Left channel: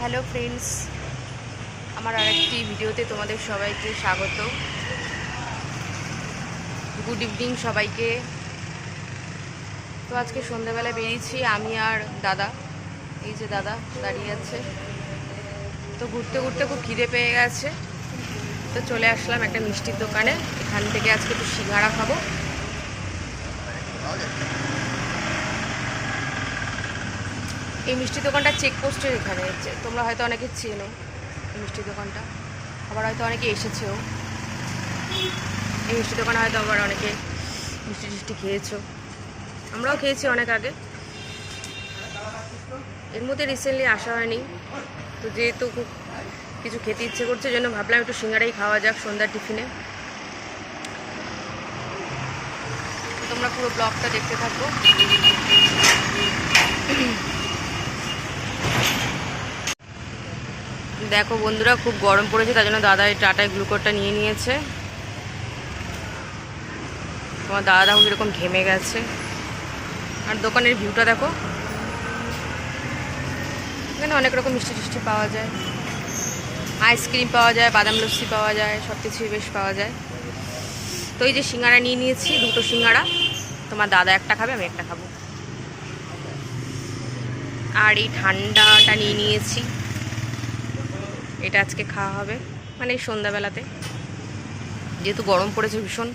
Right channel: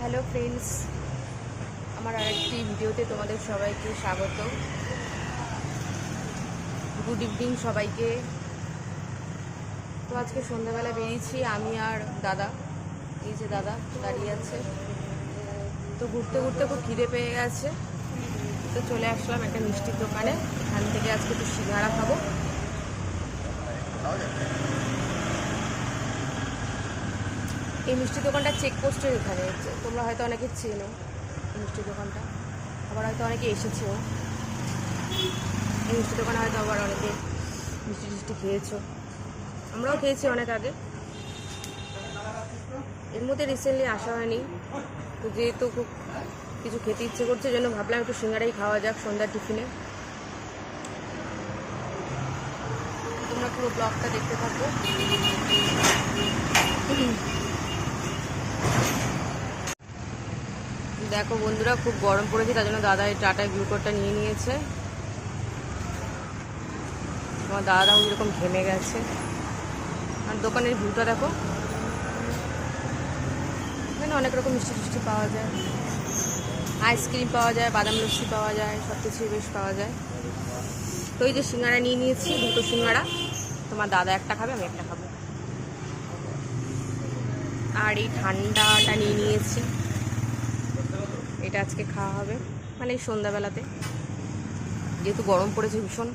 Hello friends, আমার আরেকটি ভিডিওতে তোমাদের সবাইকে স্বাগত। গুড ইভিনিং সবাইকে। তো আজকে সন্ধ্যাবেলা বেরিয়েছি আমি আর দাদা। এই যে দাদা দাঁড়িয়ে আছে। তো ঘুরতে ঘুরতে খুব খিদে পেয়ে গেছে, তো চলে আসলাম একটা মিষ্টির দোকানে। এখান থেকে আজকে একটু সিঙ্গাড়া খাবো। এই মিষ্টি দোকানটা চেকপোস্টের এখানে, তোমরা হয়তো অনেকে চেনো এই মিষ্টি দোকানটা, আবার হয়তো অনেকে এসেছেও। এই মিষ্টি দোকানে হয়তো আবার অনেকে মিষ্টি টিষ্টি খেয়েছো, আমরাও খেয়েছি অনেক আগে। এর মধ্যে রিসেন্টলি আসা হয়নি, তো যেহেতু খুব কিছু খেতে ইচ্ছে করছে জন্য ভাবলাম একটু সিঙ্গাড়াই খাওয়া যাক সন্ধ্যার টিফিনে। তোমরা পুরো ব্লগটা দেখতে থাকো। দেখো বন্ধুরা, খুব গরম পড়েছে, তার জন্য দাদা এই টাটায় গ্লুকোজটা নিয়ে নিয়েছে। তোমার দাদা দেখো কীরকম ঘেমে গেছে। আর দোকানের ভিউটা দেখো, এখানে অনেক রকম মিষ্টি টিষ্টি পাওয়া যায়, আইসক্রিম পাওয়া যায়, বাদাম লস্যি পাওয়া যায়, সব কিছুই বেশ পাওয়া যায়। তো এই যে সিঙ্গাড়া নিয়ে নিয়েছি, দুটো সিঙ্গাড়া। তোমার দাদা একটা খাবে, আমি একটা খাবো। আর এই ঠান্ডাটা নিয়ে নিয়েছি, এটা আজকে খাওয়া হবে, মানে এই সন্ধ্যাবেলাতে, যেহেতু গরম পড়েছে ভীষণ।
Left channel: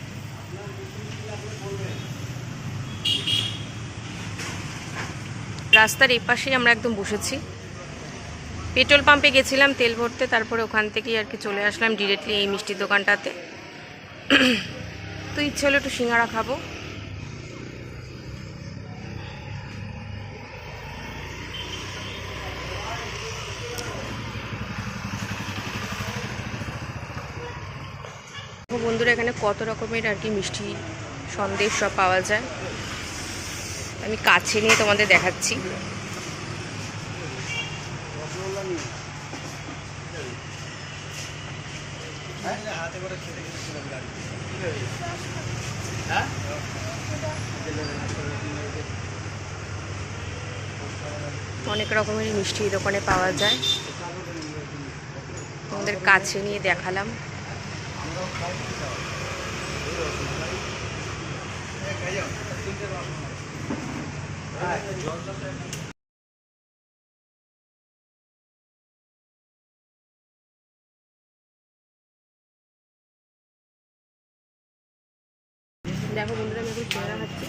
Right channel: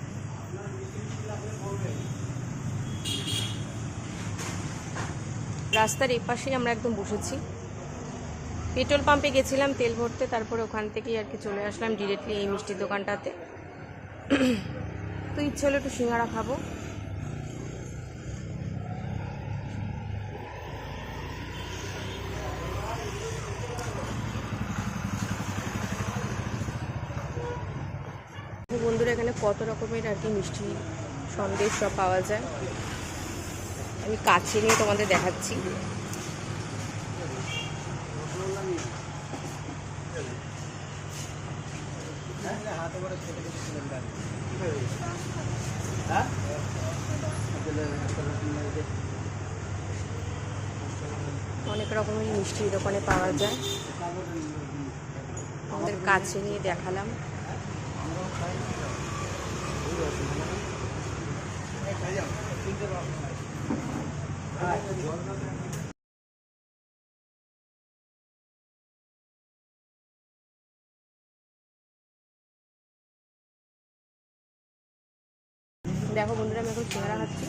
রাস্তার এপাশেই আমরা একদম বসেছি। পেট্রোল পাম্পে গেছিলাম তেল ভরতে, তারপরে ওখান থেকেই আর কি চলে আসলাম ডিরেক্টলি এই মিষ্টির দোকানটাতে। তো ইচ্ছে হলো একটু সিঙ্গাড়া খাবো। বন্ধুরা, এখানে কত রকমের আর কি মিষ্টি সন্দেশ সব পাওয়া যায়, আমি কাছে নিয়ে তোমাদের দেখাচ্ছি। অনেক রকমের মিষ্টি দোকানে পাওয়া যায়, তোমাদের কাছে নিয়ে দেখালাম। দেখো বন্ধুরা, আমি এখন সিঙ্গাড়া খাচ্ছি।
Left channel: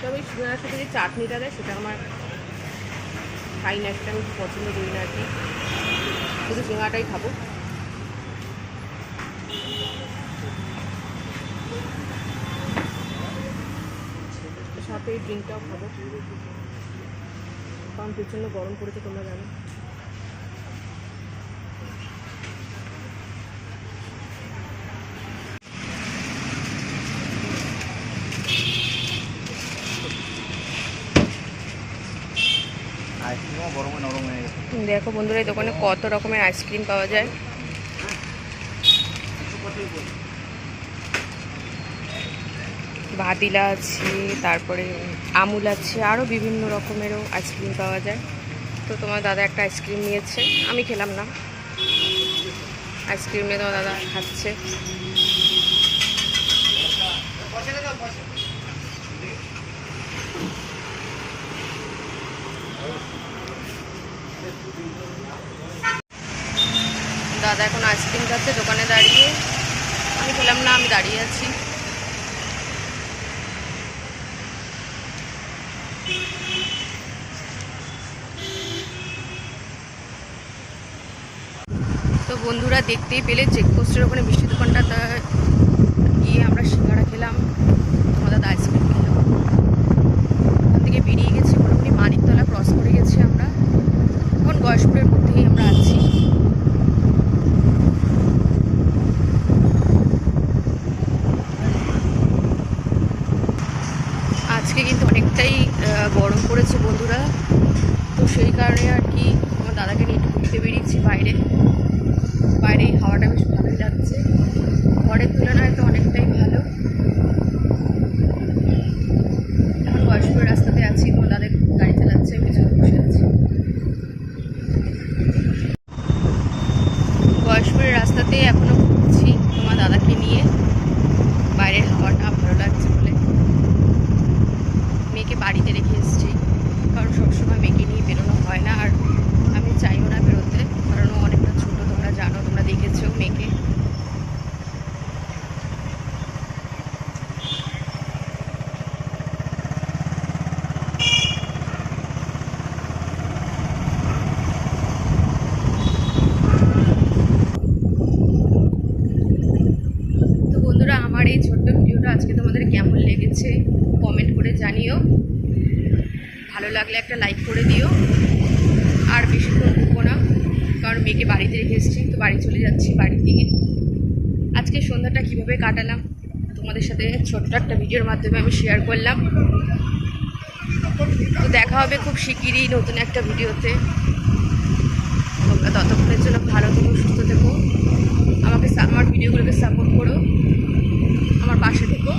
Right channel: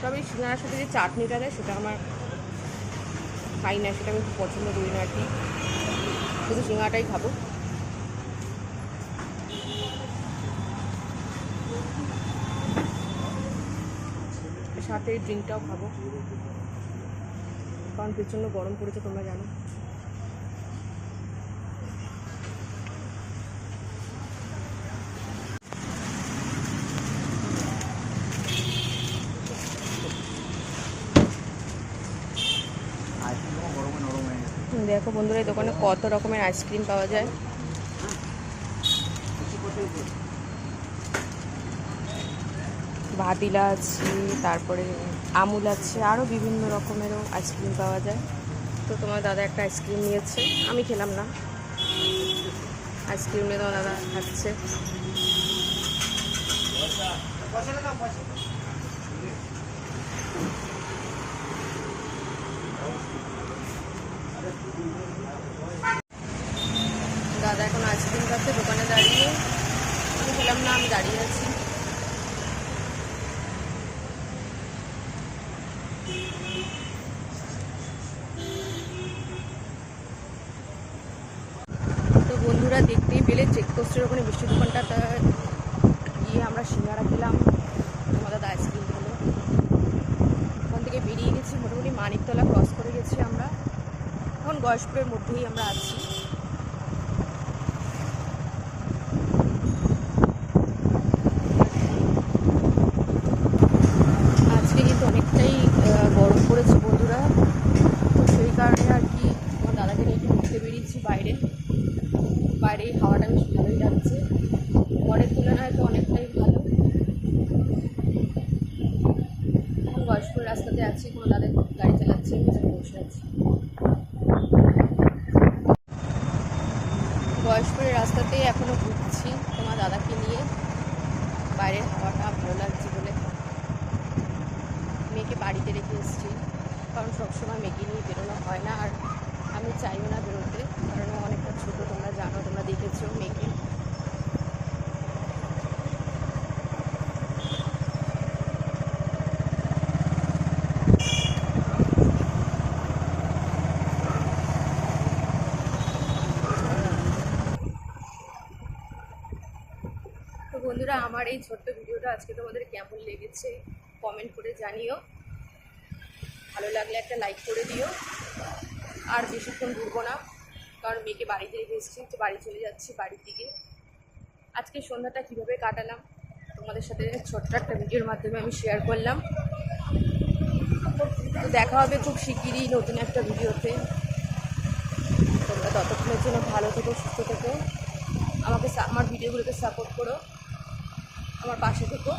তবে এই সিঙ্গাড়ার সাথে যে চাটনিটা দেয় সেটা আমার খাই না, সেটা আমি খুব পছন্দ করি না আর কি। শুধু সিঙ্গাড়াটাই খাবো। সাথে এই ড্রিঙ্কটাও খাবো, কারণ প্রচণ্ড গরম পড়েছে, তোমরা জানো। দেখো বন্ধুরা, এই দোকানে কত রকমের আইসক্রিম পাওয়া যায়। ভাদিলা আছে, তারপরে আমুল আছে, আরও বিভিন্ন রকমেরও আইসক্রিম পাওয়া যায়। তো তোমার দাদা একটা আইসক্রিম নিয়েছে, আমি খেলাম না। আইসক্রিম নিয়ে তোমার দাদা খাচ্ছে। দাদা এখন আইসক্রিম খাচ্ছে দোকানে দাঁড়িয়ে, আমি খেলাম না, আমি দাঁড়িয়ে আছি। তো বন্ধুরা, দেখতেই পেলে চেকপোস্টের ওখানে মিষ্টি দোকানটা গিয়ে আমরা সিঙ্গাড়া খেলাম, তোমার দাদা আইসক্রিম খেলো। ওখান থেকে বেরিয়ে গেছি, মোটামুটি মানিকতলা ক্রস করে গেছি আমরা, এখন গয়েশপুরের মধ্যেই আমরা আছি। আজকে কিন্তু অনেকটাই গরম পড়েছে বন্ধুরা, তো সেই কারণে আর কি আমার দাদাকে নিয়ে একটু ঘুরতে বেরিয়েছি বাইরে। বাইরেই হাওয়াটা বেশ ভালোই লাগছে, ঘরের তুলনায় তো অনেকটাই ভালো। এখন বয়স্ক রাস্তাতে আছি, তোমার দাদা গাড়ি চালাচ্ছে, আমি পিছনে বসে আছি। গয়েশপুরের রাস্তাতেই এখনো ঘুরছি তোমার দাদাকে নিয়ে। বাইরের হাওয়াটা ভালো লাগছে বলে মেয়েকে বাড়িতে রেখে এসেছি, কারণ সবসময় মেয়েকে নিয়ে বেরোনো হয় না, আর আমি চাইও না বেরোতে, কারণ ও অনেকটা ছোটো, তোমরা জানো, তোমরা দেখেছো মেয়েকে। তো বন্ধুরা, আমার এই ছোট্ট ভিডিওটা আজকে তোমাদের কেমন লেগেছে কমেন্ট করে জানিও। ভালো লাগলে একটা লাইক করে দিও। আর বেশিক্ষণ ঘুরবো না, কারণ মেয়েকে বাড়িতে রেখে এসেছি, তো বাড়ি চলে যাচ্ছি বাড়ির দিকে। আজকে সন্ধ্যাটা কীভাবে কাটালাম তোমাদের সাথে ছোট্ট একটা ভিডিওর মাধ্যমে আমি শেয়ার করলাম। তো দেখা হবে খুব শিগগিরই নতুন একটা ভিডিওতে। তোমরা ততক্ষণের জন্য ভালো থেকো, সুস্থ থেকো, আমার ভিডিওগুলোকে সাপোর্ট করো, আমার পাশে থেকো।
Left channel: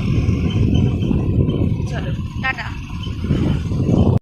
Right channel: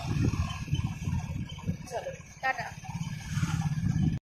চলো, টাটা।